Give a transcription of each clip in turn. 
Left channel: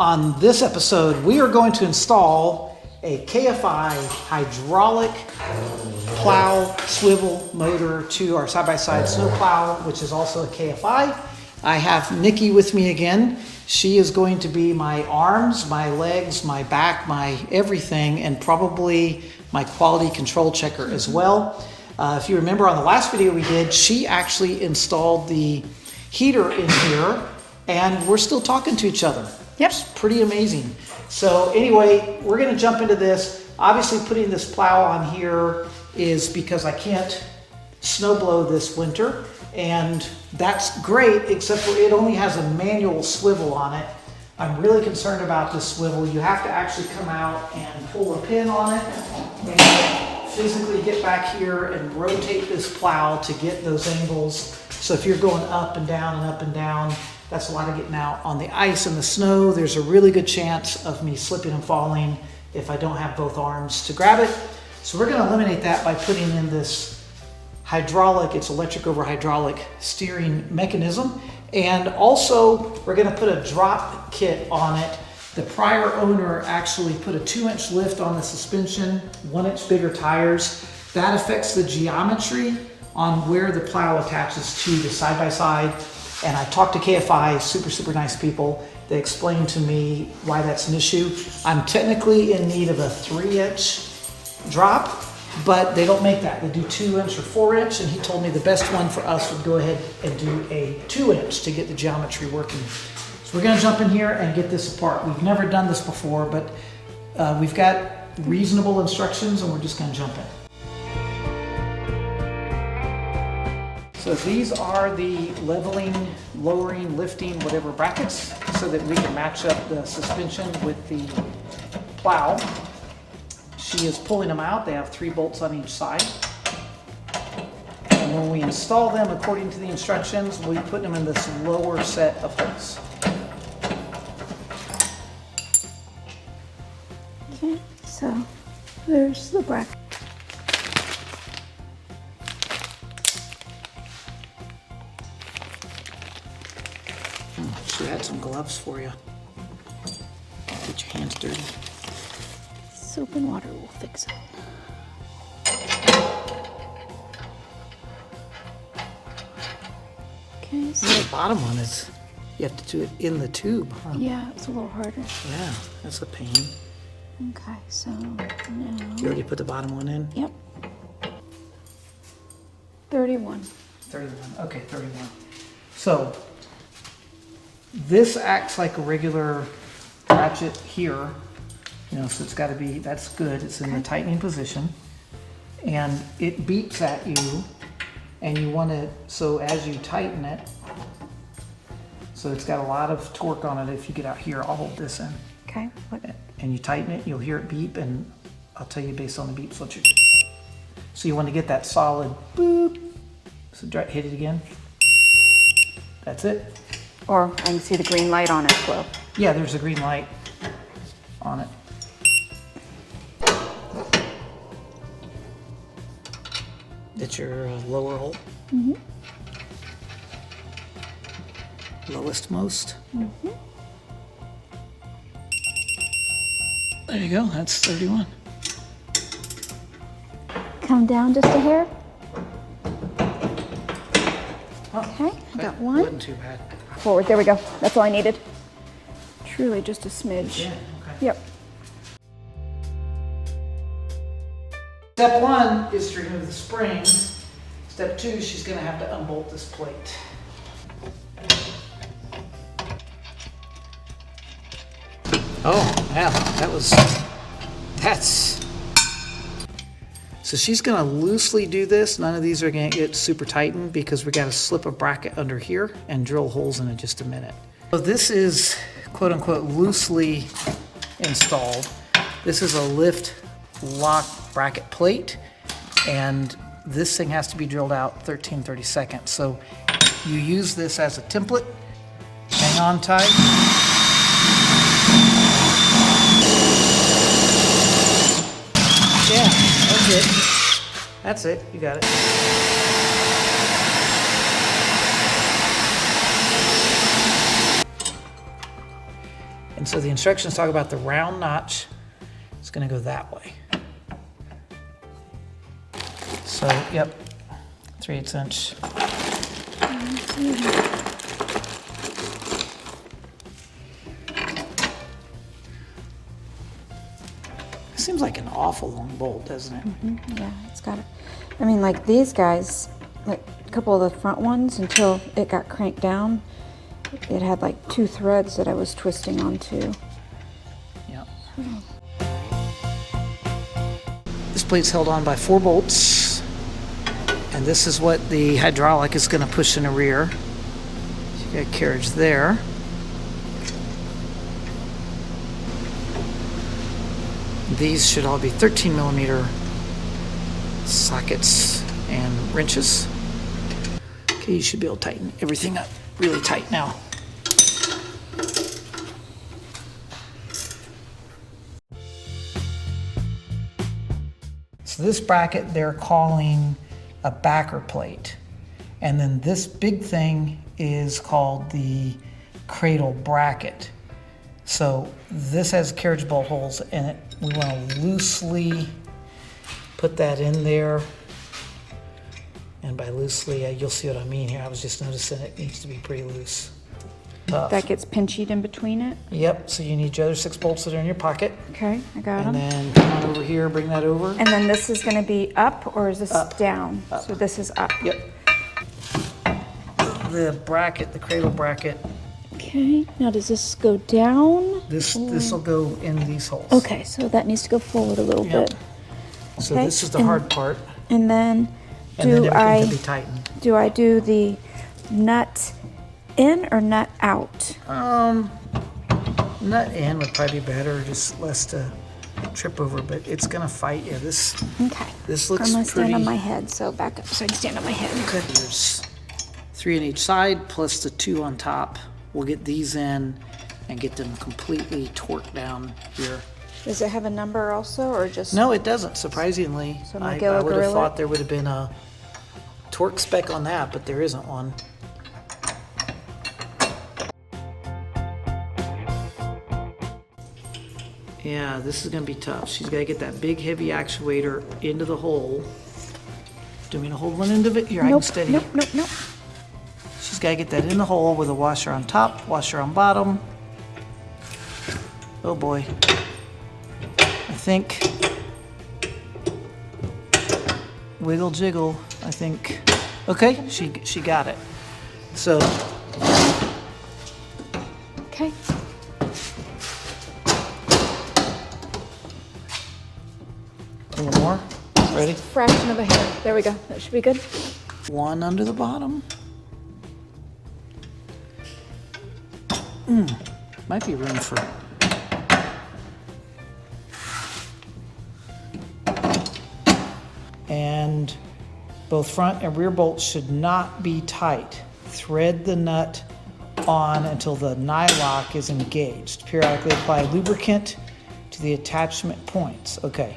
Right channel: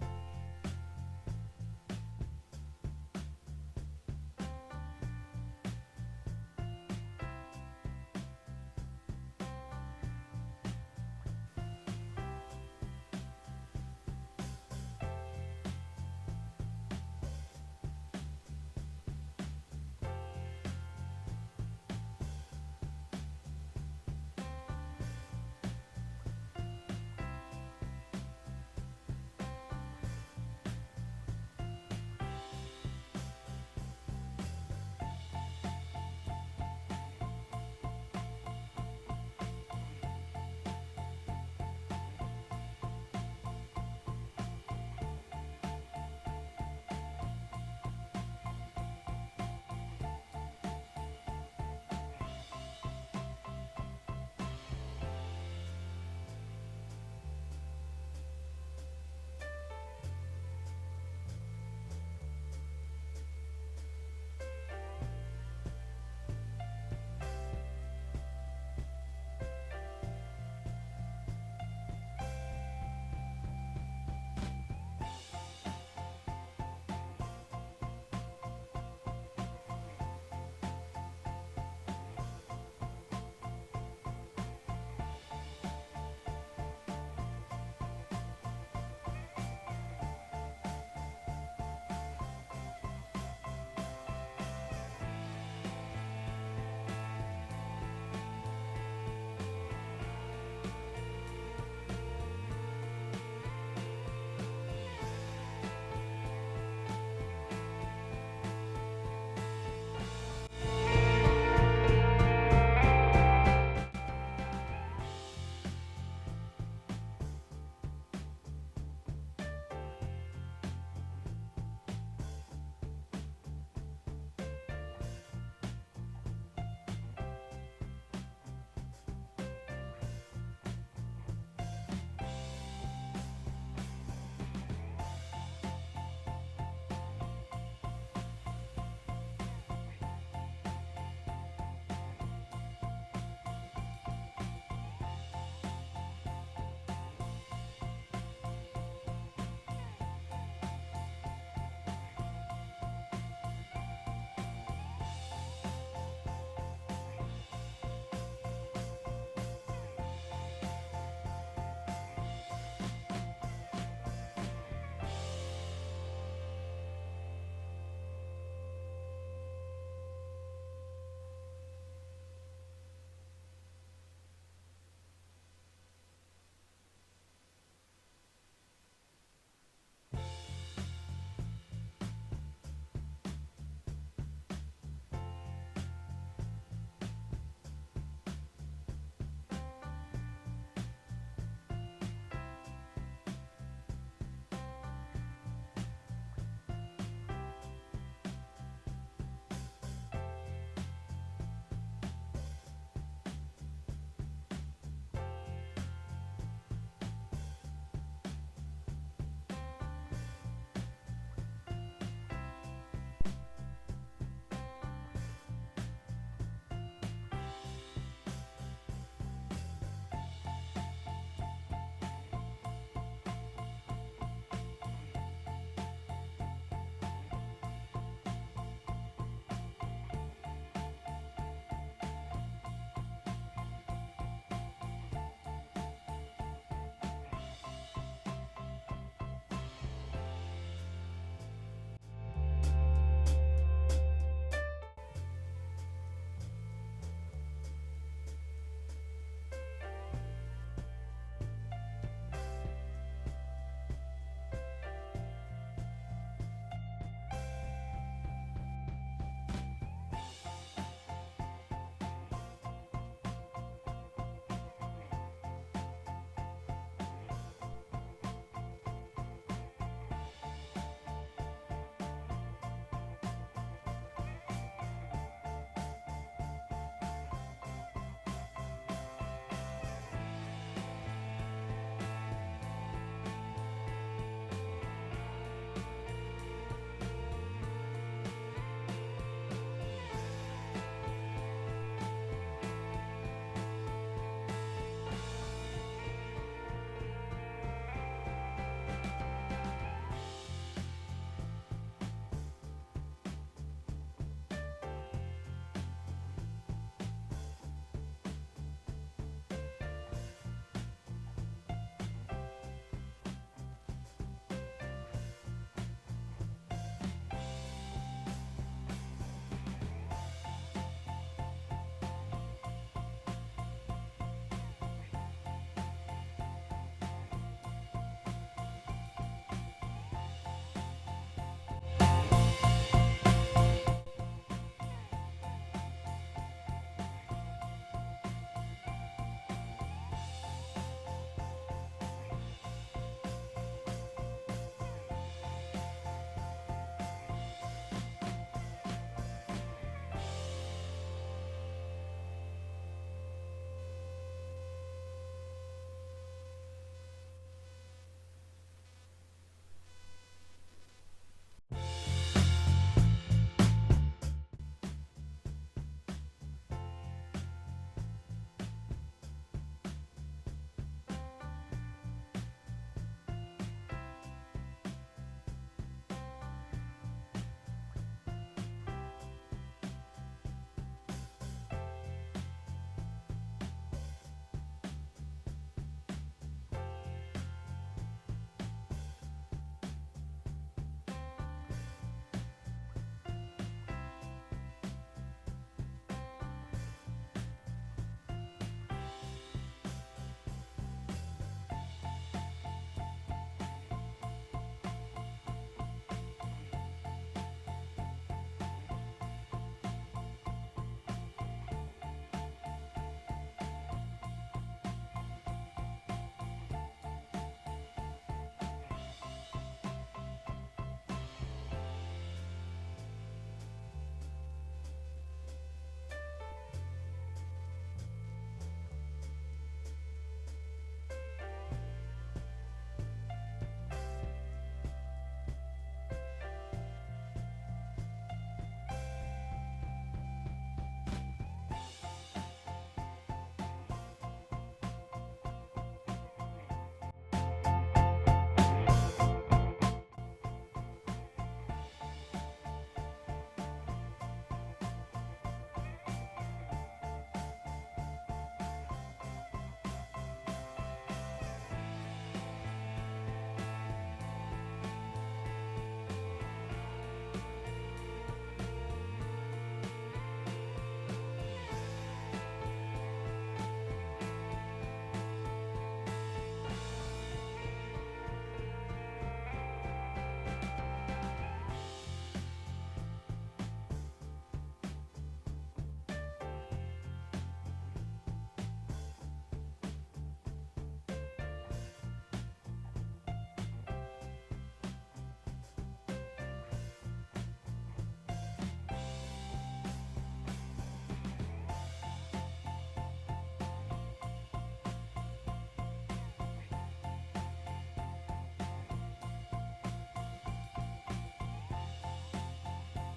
On this episode, we are going to install a KFI hydraulic plow swivel motor to our side-by-side snow plow, which is also a KFI. I have Nikki with me again. She is going to be my arms, my legs, my back, my everything, and probably my quality control checker as well. If you remember on the last video we did, she actually installed the heater in here, and we're still talking to each other. Yep. It's pretty amazing. So anyway, we're gonna jump into this. Obviously putting this plow on here is because I can't snow blow this winter, and that's great, except for it only has a manual swivel on it. I'm really concerned about this swivel. You have to actually come out and pull a pin on it and physically get back here and rotate this plow to get those angles. So if you're going up and down and up and down, that's a lot of getting out on the ice and the snow. There's a really good chance of me slipping and falling if I don't have both arms to grab it. So we're gonna eliminate that by putting in this hydraulic, it's electric over hydraulic steering mechanism. And also we're gonna put a drop kit on it. The prior owner actually put a 2-inch lift on the suspension, 1-inch bigger tires. That affects the geometry on where the plow attaches to the side-by-side. And I talked to KFI, super nice people. They explained to me why that's an issue. I'm technically in need of a 3-inch drop, but they don't make that. They do 2-inch or 4-inch, and he told me the best one for us would go ahead and do a 2-inch to get the geometry working. So we're gonna jump in here and get this apart. We've never done this before, but we've got reasonable instructions, and we're just gonna jump in. So these are the leveling, lowering, lifting, whatever brackets, so that we can match up the suspension with the plow. She is pulling them out. They have 3 bolts on each side. And when we install them according to the instructions, we put them in this lower set of holes. Okay, so there's the bracket. She had some gloves for you. Get your hands dirty. Soap and water will fix it. Okay, so The bottom one is, you have to do it in the tube, huh? yeah, it's a little harder. Yeah, that's a pain. Okay, so You now, already put the bottom one in? yep. 31. 31, okay, 31. So, this acts like a regular ratchet here. You know, so it's gotta be, that's good, it's in the tightening position. And it beeps at you, and you wanna, so as you tighten it, so it's got a lot of torque on it. If you get out here, I'll hold this in. Okay, what? And you tighten it, you'll hear it beep, and I'll tell you based on the beeps what you do. So you wanna get that solid boop. So hit it again. That's it. Or I can see the green light on it, Plow. Yeah, there's a green light on it. That's your lower hole. Mm-hmm. Lowest most. Mm-hmm. There you go, that's 31. Come down just a hair. Oh, Okay, I got that one. wasn't too bad. Forward, there we go. That's all I needed. Truly just a smidge. Yeah, okay. Yep. Step 1 is to remove the spring. Step 2, she's gonna have to unbolt this plate. Oh, yeah, that's. So she's gonna loosely do this. None of these are gonna get super tightened because we gotta slip a bracket under here and drill holes in it just a minute. So this is quote unquote loosely installed. This is a lift lock bracket plate, and this thing has to be drilled out 13/32. So you use this as a template, hang on tight. Yeah, that's it. That's it, you got it. So the instructions talk about the round notch. It's going to go that way. So, yep, 3/8 inch. Seems like an awful long bolt, doesn't it? Yeah, it's got it. I mean, like these guys, like a couple of the front ones, until it got cranked down, it had like 2 threads that I was twisting onto. Yeah. This plate's held on by 4 bolts, and this is what the hydraulic is going to push in the rear. So you got carriage there. These should all be 13mm sockets and wrenches. Okay, you should be able to tighten everything up really tight now. So this bracket they're calling a backer plate. And then this big thing is called the cradle bracket. So this has carriage bolt holes in it. We want to loosely put that in there. And by loosely, you'll see what I mean here. I was just noticing it needs to be pretty loose. Tough. That gets pinched in between it? Yep, so you need your other 6 bolts that are in your pocket. Okay, I got And them. then come on over here, bring that over. And then this is going to be up, or is this Up. down? Up. So this is up. Yep. The bracket, the cradle bracket, Okay, now does this go down? this will go in these holes. Okay, so that needs to go forward a little Yep. bit. So Okay, this is the and- hard part. And then And then do everything can be tightened. I do the nut in or nut out? Nut in would probably be better, just less to trip over, but it's gonna fight you. This Okay. looks I'm gonna stand on pretty- my head, so back up so I can stand on my head. Okay. There's 3 on each side plus the 2 on top. We'll get these in and get them completely torqued down here. Does it have a number also, or just? No, it doesn't, surprisingly. So I Magilla would have Gorilla? thought there would have been a torque spec on that, but there isn't one. Yeah, this is gonna be tough. She's gotta get that big heavy actuator into the hole. Do you want me to hold one end of it? Here, I can Nope, steady nope, it. nope, nope. She's gotta get that in the hole with a washer on top, washer on bottom. Oh boy. I think. Wiggle jiggle, I think. Okay, she got it. So, Okay. a little more. Ready? Fraction of a hair. There we go. That should be good. One under the bottom. Might be room for. And both front and rear bolts should not be tight. Thread the nut on until the nylock is engaged. Periodically apply lubricant to the attachment points. Okay,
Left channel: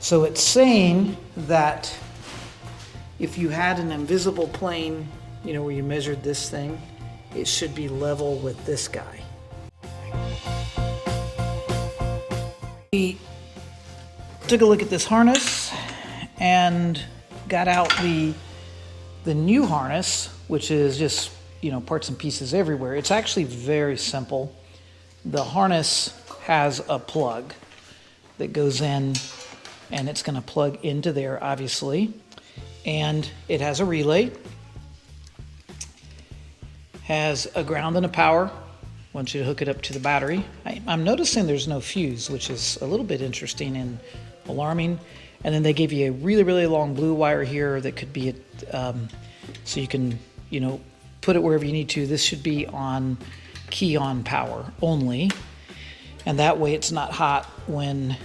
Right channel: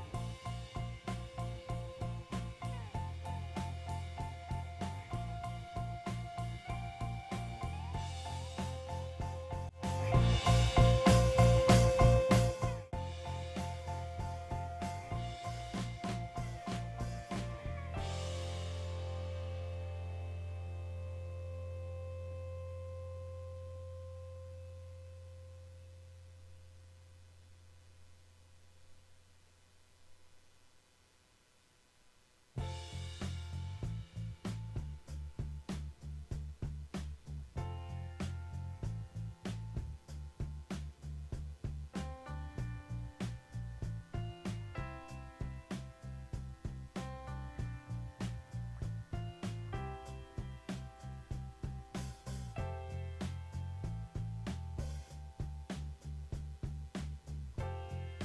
so it's saying that if you had an invisible plane, you know, where you measured this thing, it should be level with this guy. We took a look at this harness and got out the new harness, which is just, you know, parts and pieces everywhere. It's actually very simple. The harness has a plug that goes in, and it's going to plug into there, obviously. And it has a relay, has a ground and a power. I want you to hook it up to the battery. I'm noticing there's no fuse, which is a little bit interesting and alarming. And then they give you a really, really long blue wire here that could be, so you can, you know, put it wherever you need to. This should be on key on power only. And that way it's not hot when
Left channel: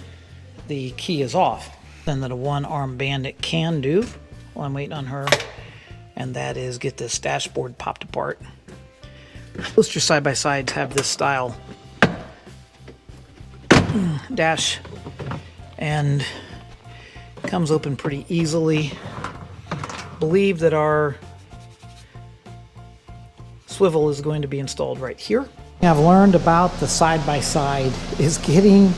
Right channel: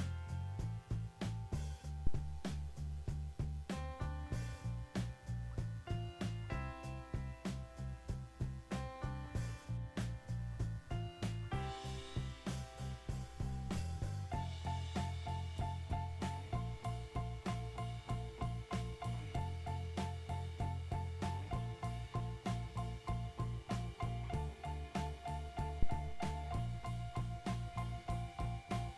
the key is off. Then that a one-arm bandit can do while I'm waiting on her, and that is get this dashboard popped apart. Most your side-by-sides have this style dash, and comes open pretty easily. Believe that our swivel is going to be installed right here. I've learned about the side-by-side is getting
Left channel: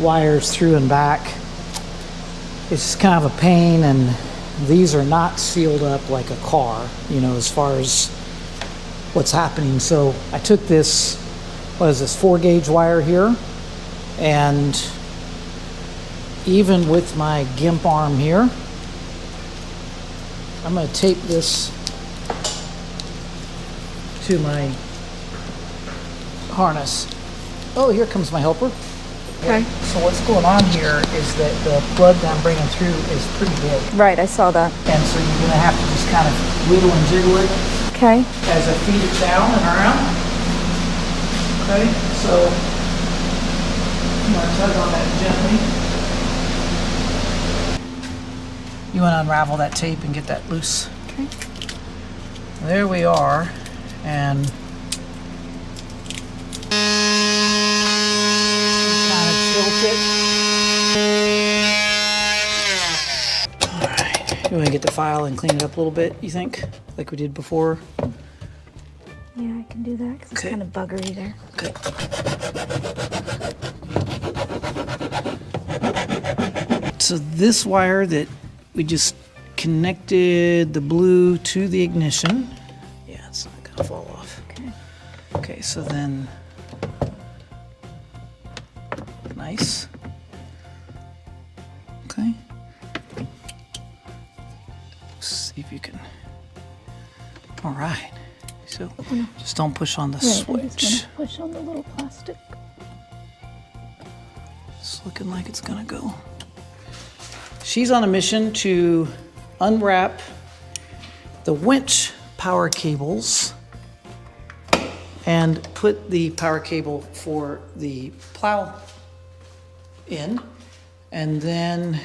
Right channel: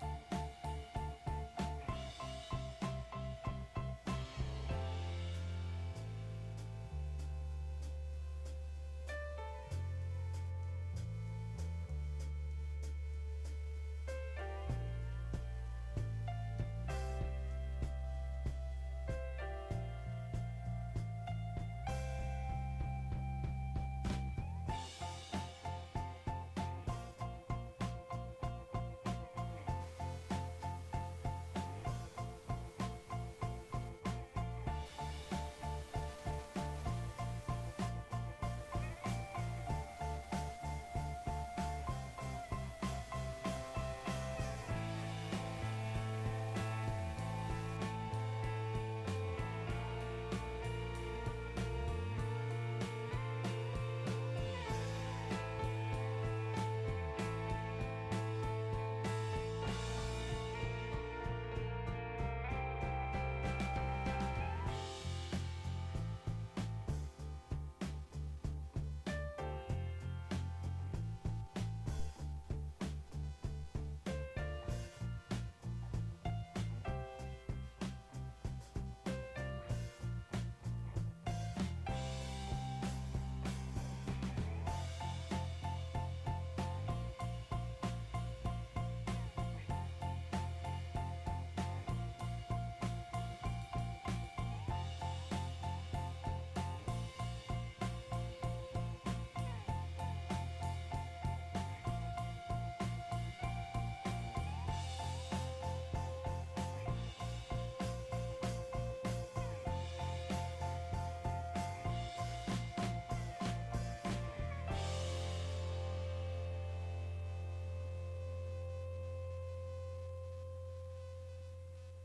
wires through and back. It's just kind of a pain, and these are not sealed up like a car, you know, as far as what's happening. So I took this, what is this, 4-gauge wire here, and even with my gimp arm here, I'm going to tape this to my harness. Oh, here comes my helper. Okay. So what's going on here is that the plug that I'm bringing through is pretty big. Right, I saw that. And so you're going to have to just kind of wiggle and jiggle it Okay. as I feed it down and around. Okay, so you want to tug on that gently. You want to unravel that tape and get that loose. Okay. There we are, and kind of tilt it. All right, you want to get the file and clean it up a little bit, you think, like we did before? Yeah, I can do that because Okay. it's kind of buggery there. Okay. So this wire that we just connected the blue to the ignition. Yeah, it's not gonna fall off. Okay. Okay, so then, nice. Okay. See if you can. All right. So just don't push on the Right, I'm switch. just gonna push on the little plastic. It's looking like it's gonna go. She's on a mission to unwrap the winch power cables and put the power cable for the plow in. And then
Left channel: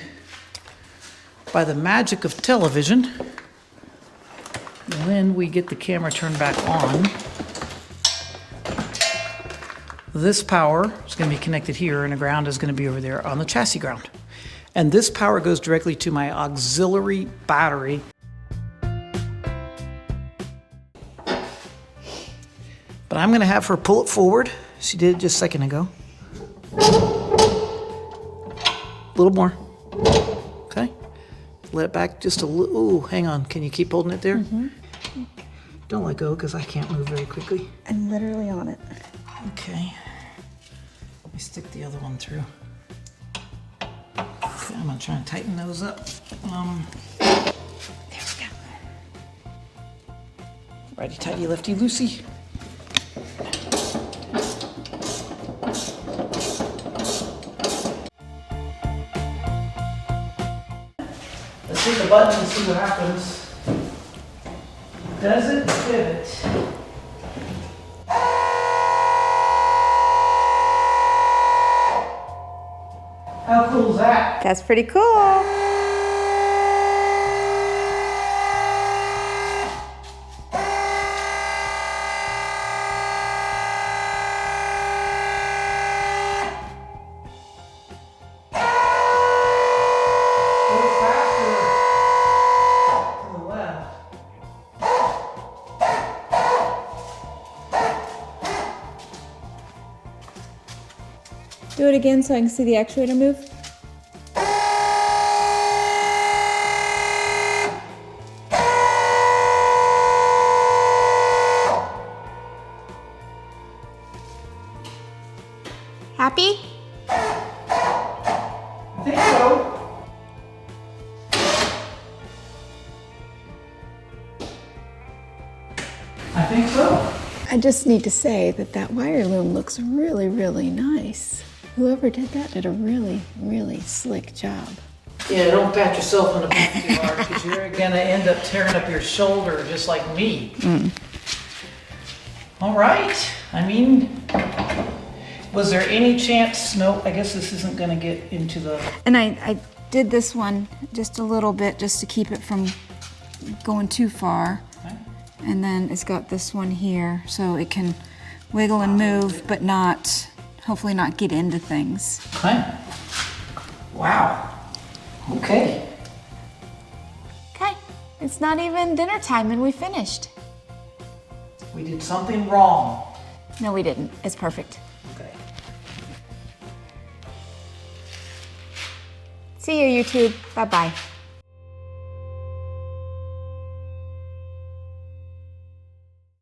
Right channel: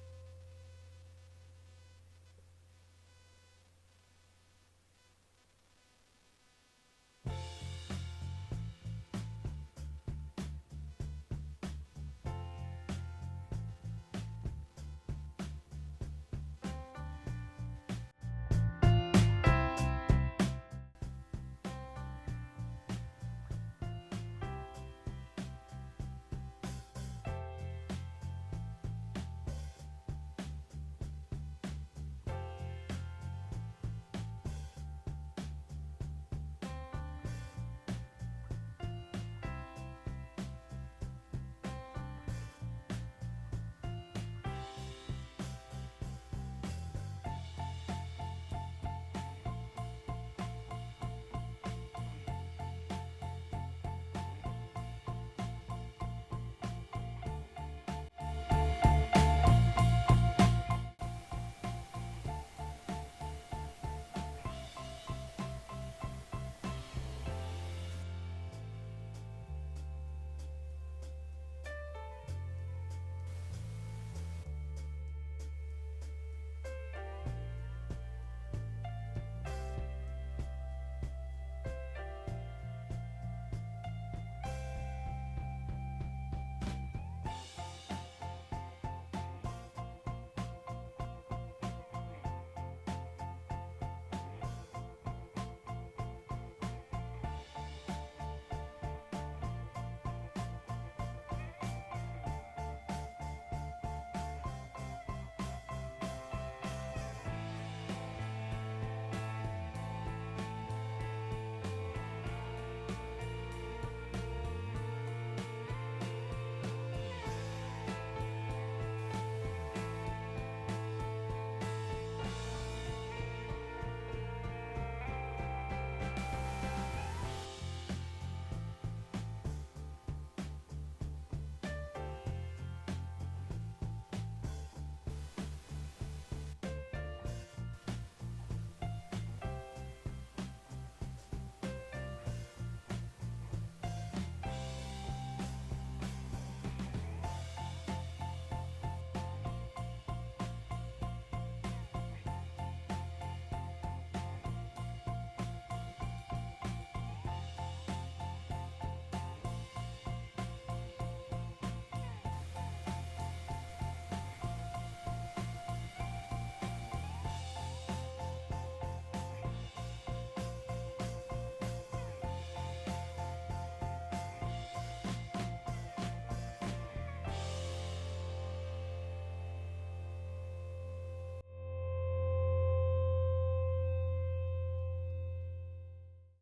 by the magic of television, when we get the camera turned back on, this power is going to be connected here and the ground is going to be over there on the chassis ground. And this power goes directly to my auxiliary battery. But I'm going to have her pull it forward. She did it just a second ago. A little more. Okay. Let it back just a little. Ooh, hang on. Can you keep holding it there? Mm-hmm. Don't let go because I can't move very quickly. I'm literally on it. Okay. Let me stick the other one through. Okay, I'm gonna try and tighten those up. There we go. Righty tighty, lefty loosey. Let's hit the button and see what happens. Does it pivot? How cool is that? That's pretty cool. Do it again so I can see the actuator move. Happy? I think so. I think so. I just need to say that that wire loom looks really, really nice. Whoever did that did a really, really slick job. Yeah, don't pat yourself on the back too hard because you're gonna end up tearing up your shoulder just like me. All right. I mean, was there any chance? No, I guess this isn't gonna get into the. And I did this one just a little bit just to keep it from going too far. And then it's got this one here so it can wiggle and move but not, hopefully not get into things. Okay. Wow. Okay. Okay, it's not even dinner time and we finished. We did something wrong. No, we didn't. It's perfect. Okay. See you, YouTube. Bye-bye.